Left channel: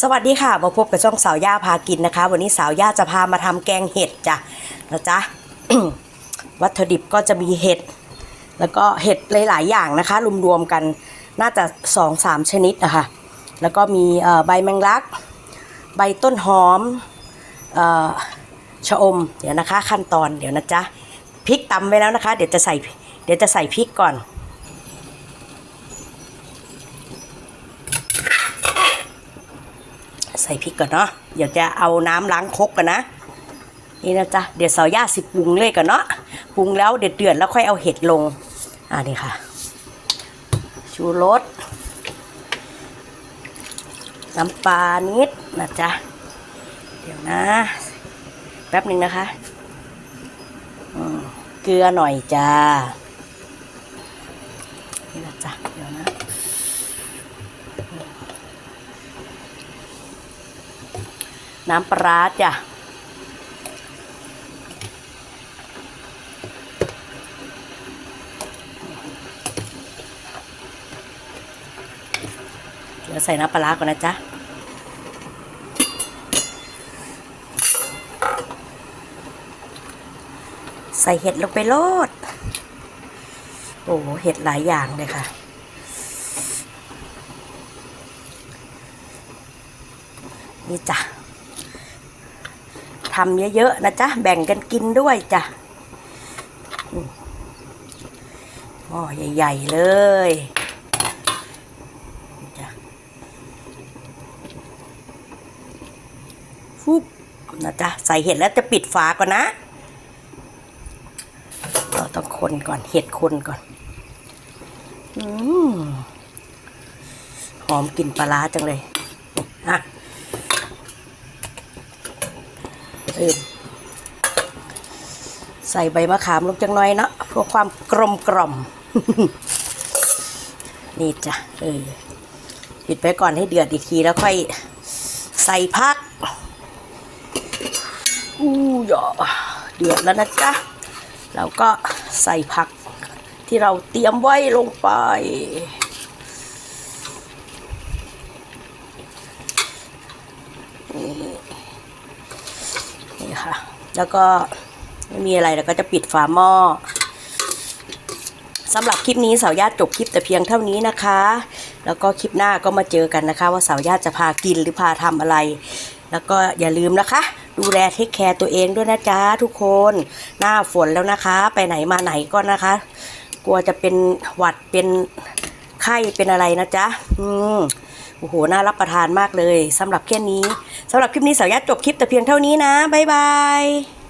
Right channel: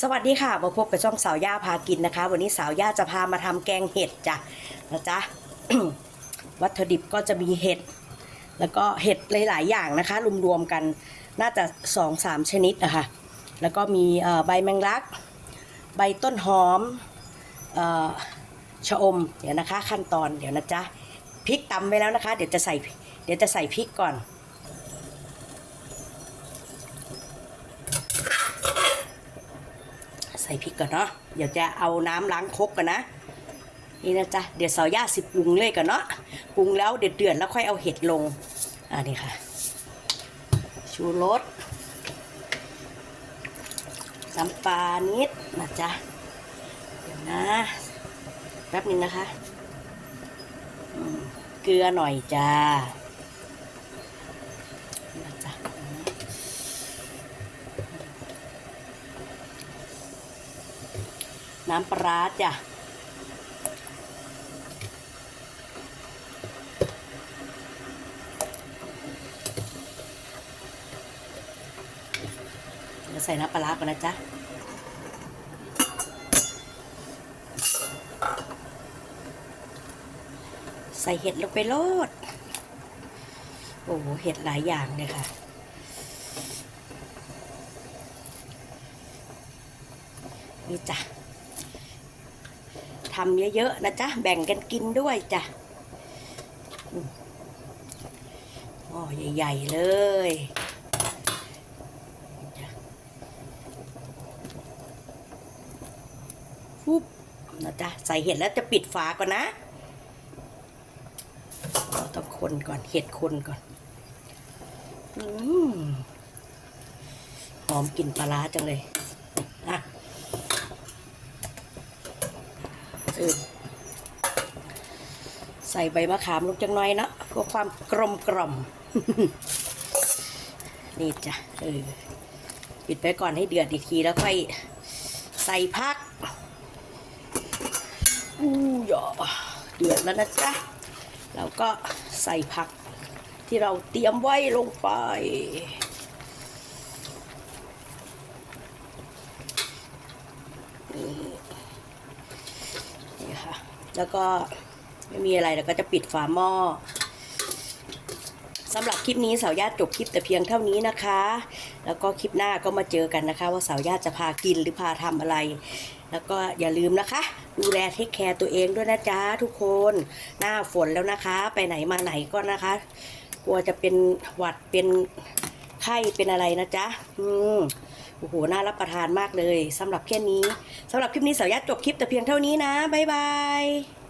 สวัสดีค่ะ มาพบกับช่องสาวย่าพากินนะคะ วันนี้สาวย่าจะพามาทำแกงเห็ดจ้ะนะจ๊ะ วัตถุดิบก็จะมีเห็ด แล้วก็เห็ดหลาย ๆ อย่างนะคะ รวมๆกันน่าจะสองสามชนิดนะคะแล้วก็มีใบแมงลัก ใบต้นหอมออชะอม เดี๋ยวนะคะ ขั้นตอนเดี๋ยวนะจ๊ะพริกตำไว้แล้วนะคะ เดี๋ยวจะใส่เดี๋ยวจะใส่พริกก่อน ใส่พริกก่อนเนาะเดี๋ยวจะเอาน้ำล้างครกกันนะ นี่นะจ๊ะเดี๋ยวสาวย่าสิปรุงเลยก่อนเนาะปรุงแล้วเดือดเดือดแล้วค่อยเอาเห็ดลงอ่านี่ค่ะ ชูรสน้ำปลานิดนะจ๊ะเดี๋ยวนะ แป๊บหนึ่งนะคะเกลือหน่อยจ้านี่นะจ๊ะเดี๋ยวนะ น้ำปลาร้าจ้ะเดี๋ยวใส่น้ำปลาร้าก่อนนะจ๊ะใส่เห็ดลงไปโลด โอ้โหเห็ดหลายอย่างเลยค่ะ นี่จ้ะ ทำเยอะๆนะจ๊ะ แบ่งกันกินด้วยจ้ะหม้อใหญ่ ๆ เลยจ้ะฟุบนะจ๊ะ ใส่เห็ดแล้วจะปิดฝาก่อนนะเราต้องคนก่อนเห็ดคนก่อนอหอมกลิ่นปลาร้าจังเลยอะ เออใส่ใบมะขามลงจังหน่อยเนาะเพื่อความกลมกล่อมนี่จ้ะเออปิดไปก่อนให้เดือดอีกทีแล้วค่อยใส่พัก อู้ยอเดือดแล้วนะจ๊ะเราก็ใส่ผักที่เราเตรียมไว้ลงไป นี่ แล้วก็ไม่มีอะไรแล้วก็จะปิดฝาหม้อสำหรับคลิปนี้สาวญาติจบคลิปแต่เพียงเท่านี้นะคะ แล้วก็คลิปหน้าก็มาเจอกันนะคะ ว่าสาวญาติจะพากินหรือพาทำอะไร แล้วก็อย่าลืมนะคะ ดูแลเทคแคร์ตัวเองด้วยนะจ๊ะทุกคน หน้าฝนแล้วนะคะ ไปไหนมาไหนก็นะคะ กลัวจะเป็นหวัดเป็นไข้เป็นอะไรนะจ๊ะ อืม โอ้โห น่ารับประทานมากเลยสำหรับแค่นี้สำหรับคลิปนี้สาวยัดจบคลิปแต่เพียงเท่านี้นะ บ๊ายบาย